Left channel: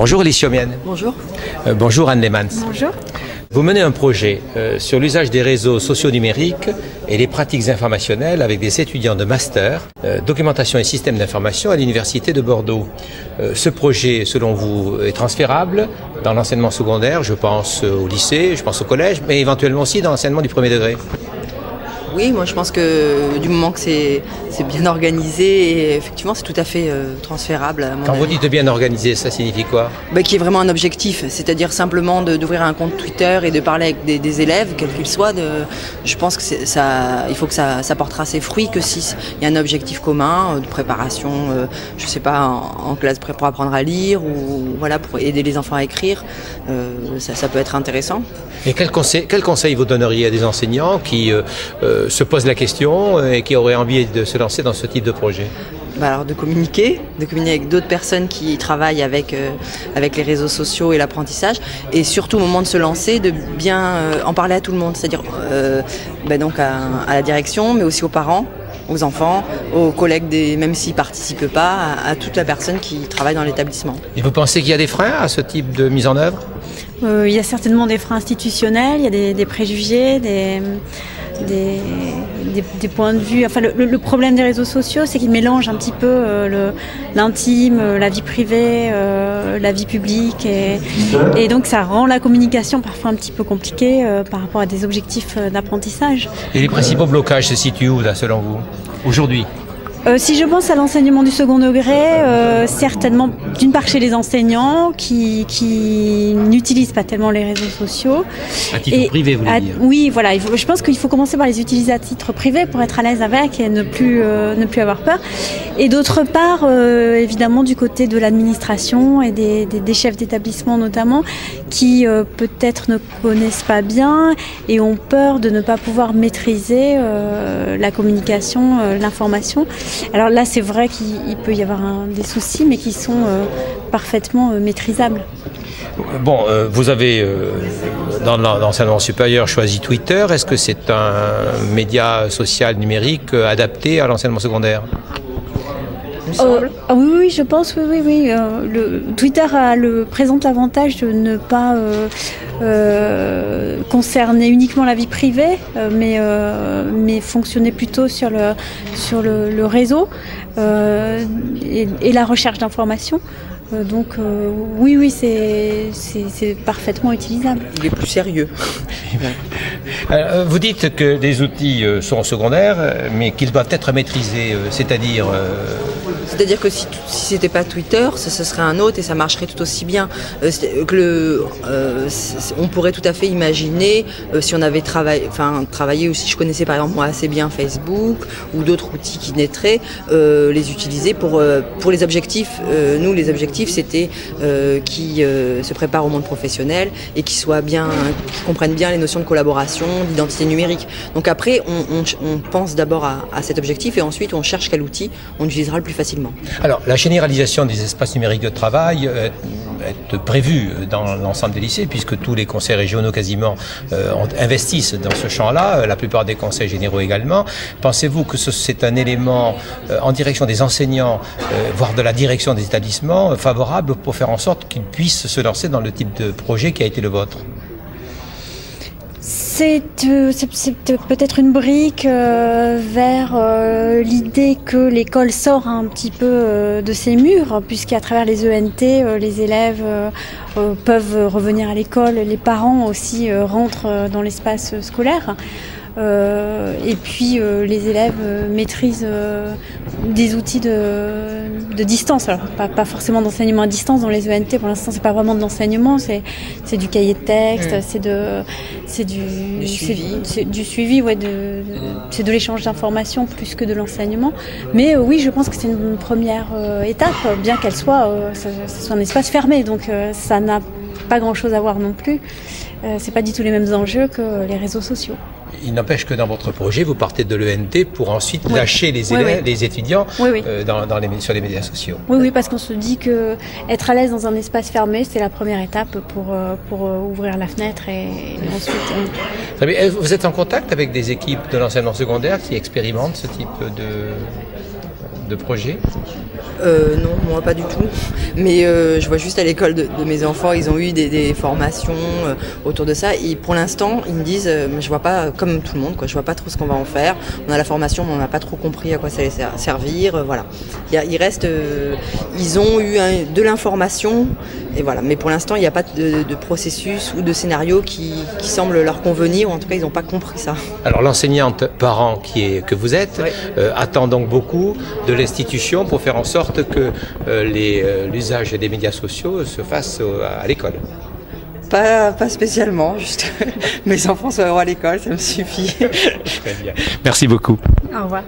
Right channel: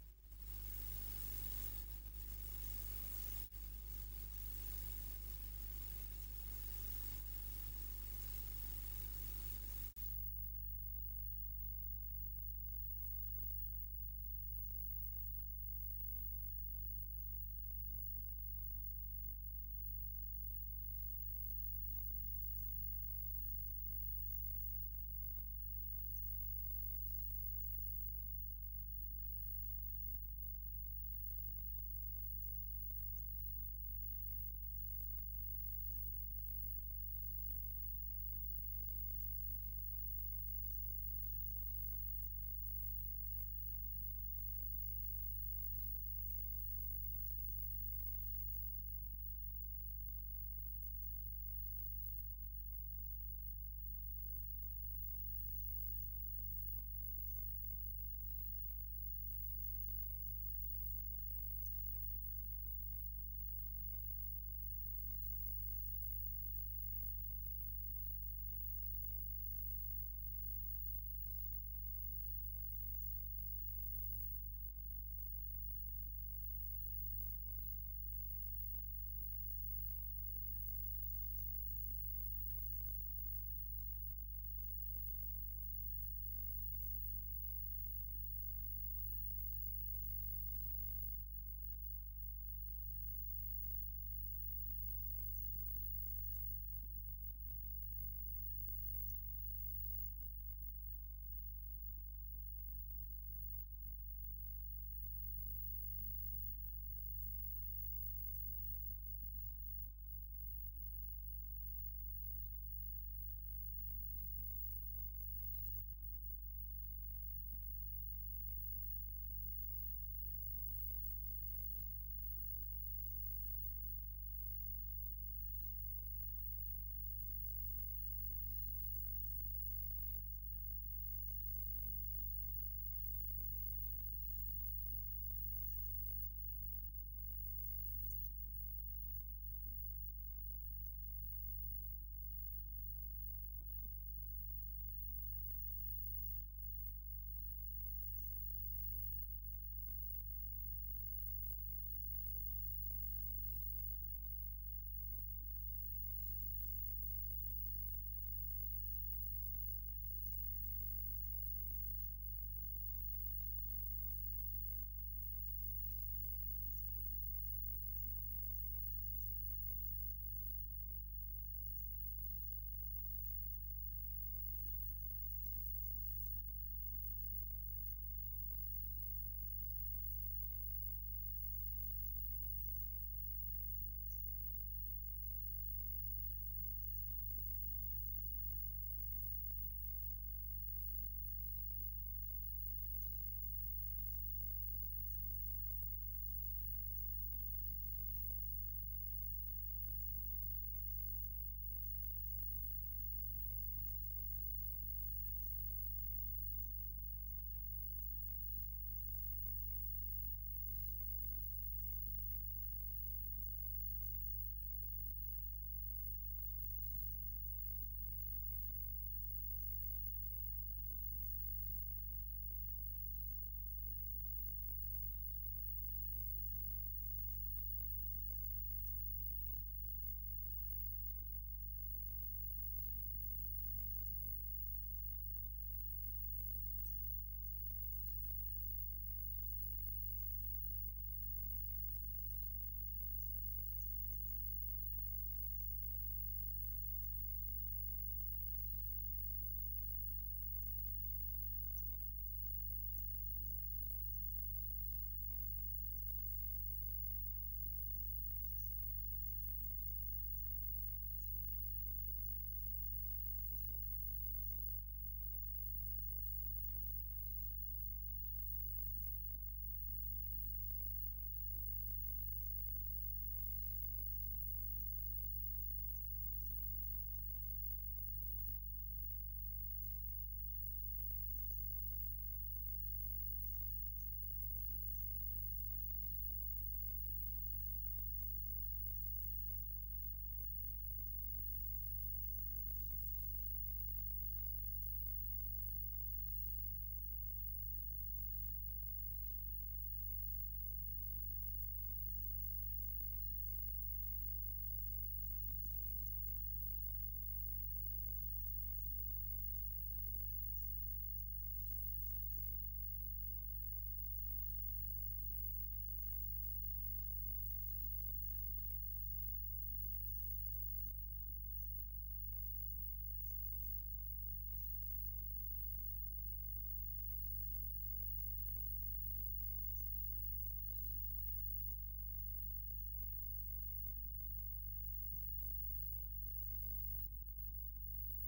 Bonjour Elie Siomienne. Bonjour. Bonjour Anne Lemans. Bonjour. Vous menez un projet sur l'usage des réseaux sociaux numériques et les pratiques informationnelles avec des étudiants de master, documentation et système d'information à l'Université de Bordeaux. Ce projet, selon vous, est transférable dans l'enseignement secondaire, je pense au lycée, je pense au collège, mais éventuellement aussi dans l'enseignement du premier degré. Oui, moi je pense que du moment que c'est bien organisé, et effectivement c'est tout à fait transférable. Quand vous dites bien organisé, ça signifie quoi? Qu'il y ait vraiment un objectif, c'est-à-dire simplement d'ouvrir un compte Twitter et de parler avec des élèves, quels qu'ils soient. Je pense que il faut que ça portera ses fruits que s'il y a un objectif commun de préparation, je sais pas, en classe pour apprendre à lire ou voilà, pour aider les enfants à écrire. Ça peut être intéressant. Et quel conseil vous donneriez à des enseignants qui se posent la question et qui auraient envie de se lancer dans ce type de projet? Alors de communiquer avec d'autres personnes qui travaillent avec les réseaux sociaux et l'apprentissage, et surtout au moment de se lancer, de bien en parler à tout le monde, c'est-à-dire donc à la direction, mais aussi aux parents, aux enfants, aux collègues, même s'ils ne participent pas, à toute la personne qui travaille dans l'établissement. Et vous pensez qu'il y a des freins à ce type de mise en œuvre? Il y a certainement des freins institutionnels, il y a des préjugés, des points de vue. Enfin, le problème des réseaux sociaux, c'est qu'ils mélangent un petit peu l'intime, la vie privée, la vie publique, et donc ça rend la communication parfois un petit peu compliquée par rapport à des objectifs d'apprentissage. Et les principaux blocages se situent où, là, selon vous, aujourd'hui? Si je pense à l'enseignement du second degré, certainement d'une part chez les enseignants qui n'utilisent pas tellement les réseaux sociaux. À titre privé, vous voulez dire? Oui, voilà. Je pense qu'il faut commencer par les utiliser à titre privé pour être à l'aise avec et ne plus avoir peur. Et d'autre part, évidemment, du côté de l'administration et des chefs d'établissement notamment, qui peut-être ne connaissent pas bien et ont peur de ne pas pouvoir maîtriser la communication, l'information. Alors là, c'est vrai qu'il peut y avoir des soucis, mais qui sont parfaitement maîtrisables. Bon, vous avez, dans l'enseignement supérieur, choisi Twitter. Est-ce que c'est un média social numérique adapté à l'enseignement secondaire? Oui, je pense, oui. Twitter présente l'avantage de ne pas concerner uniquement la vie privée, mais fonctionner plutôt sur le réseau et la recherche d'informations. Donc oui, c'est parfaitement utilisable. Il est plus sérieux. Vous dites que les outils sont secondaires, mais qu'ils doivent être maîtrisés, c'est-à-dire... C'est-à-dire que si c'était pas Twitter, ce serait un autre et ça marcherait tout aussi bien. On pourrait tout à fait imaginer, si on avait travaillé, ou si je connaissais par exemple moi assez bien Facebook ou d'autres outils qui naîtraient, les utiliser pour les objectifs. Nous, les objectifs, c'était qui se préparent au monde professionnel et qui comprennent bien les notions de collaboration, d'identité numérique. Donc après, on pense d'abord à cet objectif et ensuite on cherche quel outil on utilisera le plus facilement. Alors, la généralisation des espaces numériques de travail est prévue dans l'ensemble des lycées, puisque tous les conseils régionaux quasiment investissent dans ce champ-là, la plupart des conseils généraux également. Pensez-vous que c'est un élément en direction des enseignants, voire de la direction des établissements, favorable pour faire en sorte qu'ils puissent se lancer dans le type de projet qui a été le vôtre? C'est peut-être une brique vers l'idée que l'école sort un petit peu de ses murs, puisqu'à travers les ENT, les élèves peuvent revenir à l'école, les parents aussi rentrent dans l'espace scolaire. Et puis les élèves maîtrisent des outils de distance. Alors pas forcément d'enseignement à distance dans les ENT, pour l'instant c'est pas vraiment de l'enseignement, c'est du cahier de texte, c'est du suivi, c'est de l'échange d'informations plus que de l'enseignement. Mais oui, je pense que c'est une première étape, bien qu'elle soit un espace fermé, donc ça n'a pas grand chose à voir non plus. C'est pas du tout les mêmes enjeux que les réseaux sociaux. Il n'empêche que dans votre projet, vous partez de l'ENT pour ensuite lâcher les élèves, les étudiants sur les médias sociaux. Oui, parce qu'on se dit que être à l'aise dans un espace fermé, c'est la première étape pour ouvrir la fenêtre et ensuite... Vous êtes en contact avec des équipes de l'enseignement secondaire qui expérimentent ce type de projet? Non, moi pas du tout. Mais je vois juste à l'école de mes enfants, ils ont eu des formations autour de ça. Et pour l'instant, ils me disent, je vois pas, comme tout le monde, quoi, je vois pas trop ce qu'on va en faire. On a la formation, mais on n'a pas trop compris à quoi ça allait servir. Voilà. Ils ont eu de l'information, et voilà. Mais pour l'instant, il n'y a pas de processus ou de scénario qui semble leur convenir, ou en tout cas, ils n'ont pas compris ça. Alors l'enseignante parent que vous êtes attend donc beaucoup de l'institution pour faire en sorte que l'usage des médias sociaux se fasse à l'école. Pas spécialement, juste mes enfants sont à l'école, ça me suffit. Très bien. Merci beaucoup. Au revoir.